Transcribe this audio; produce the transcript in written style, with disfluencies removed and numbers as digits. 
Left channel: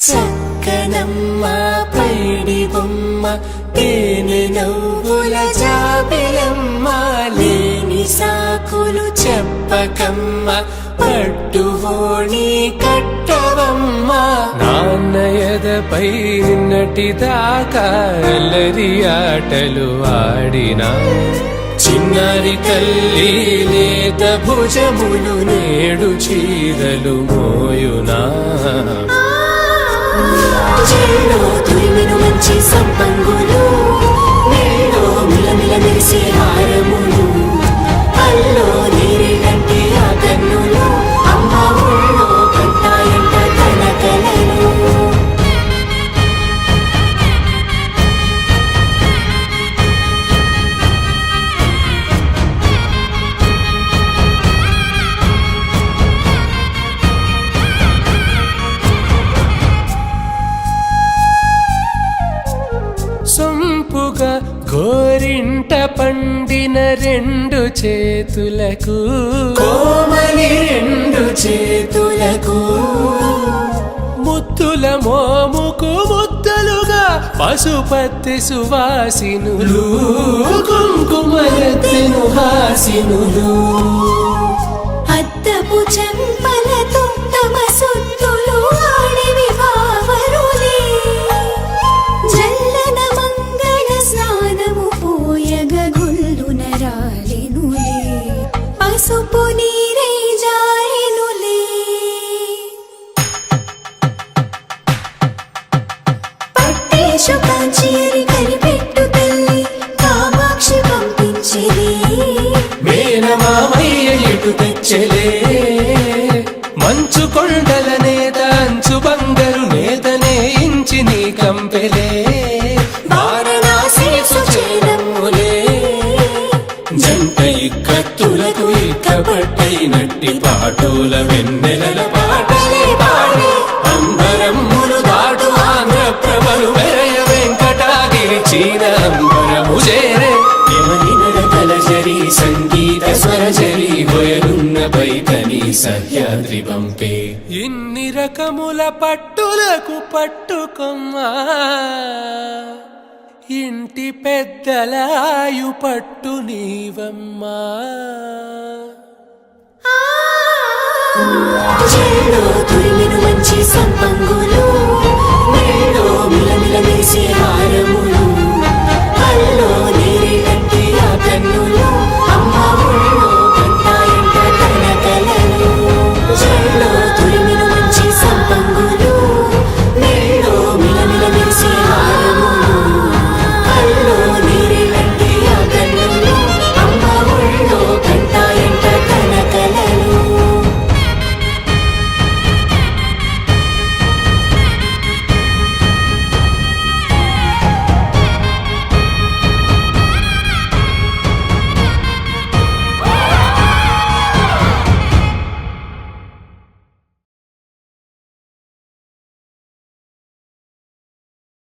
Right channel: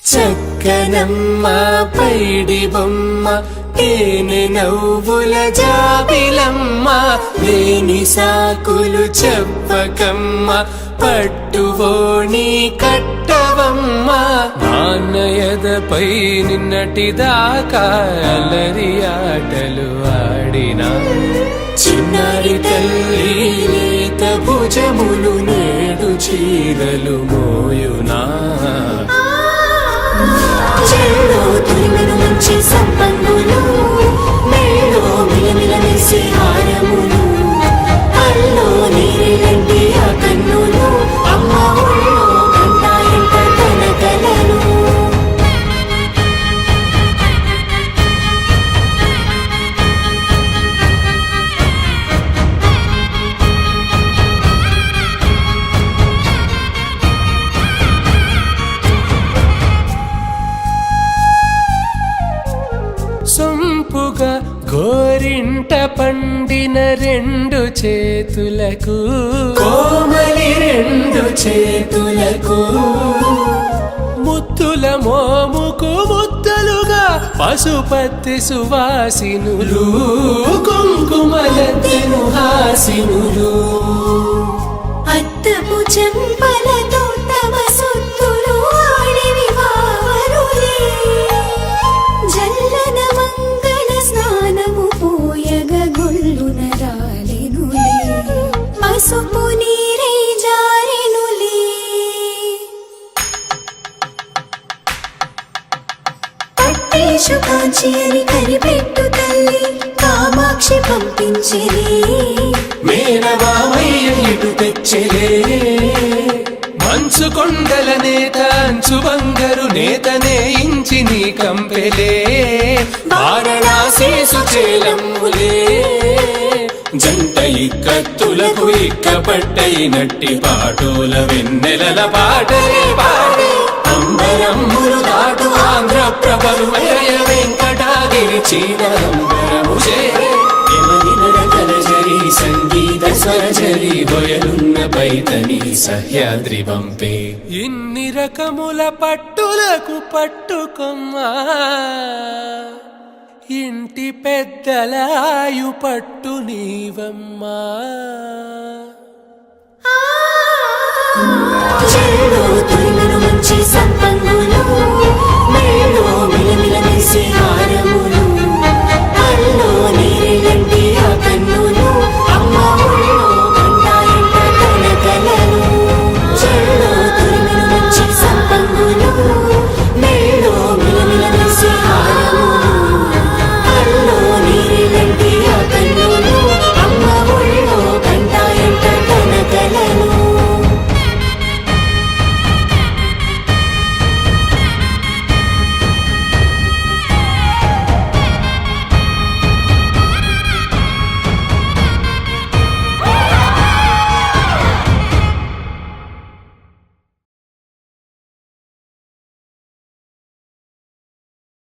చక్కనమ్మ పైడి బొమ్మ తేనె నవ్వుల జాబిలమ్మ లేని సాకులు చెప్పకమ్మ పట్టువోణి కట్టవమ్మ నాన్నయదపై నిన్నటిదాకా అల్లరి ఆటలు ఆడినా చిన్నారి తల్లి లేత భుజములు నేడు చీరలు మోయునా చెల్లో తురిమెను మంచి సంపంగులు మెల్లో మిలమిల మెరిసే హారములు అల్లో నీరెళ్ళంటే ఆ కన్నులు అమ్మ ఒళ్ళో కంటాయంట తన కలలు సొంపుగా గోరింట పండిన రెండు చేతులకు కోమలి రెండు చేతులకు ముత్తుల మోముకు ముద్దలుగా పశుపతి సువాసినులు కుంకుమలెత్తెను హాసినులు అద్దపు చెంపలతో తమ సొత్తులు ఆడివి బావరులే జల్లన మంగళ స్నానము పోయగ గుల్లున రాలెనులే పసుపు నీరై జారెనులే పట్టేషు కాంచి అని కనిపెట్టు తల్లి కామాక్షి పంపించేది మేనమామయ్య ఎటు తెచ్చలే మంచు కొండల నేత అంచు బంగారు నేతనే ఇంచి నీ కంపెలే వారణాసి సుచేలమ్ములే జంట ఇక్కత్తులకు ఇక్కపట్టయినట్టి పాటోల వెన్నెలల పాటలే పాడే అంబరమ్ములు దాటు ఆంధ్ర ప్రభలు వెంకటాగిరి చీర అంబరము చేరే యమనినడకలజరి సంగీత స్వరజరి హొయలున్న పైతని సహ్యాద్రి పంపే ఇన్ని రకముల పట్టులకు పట్టుకొమ్మా ఇంటి పెద్దలాయు పట్టు నీవమ్మా చెల్లో తురిమెను మంచి సంపంగులు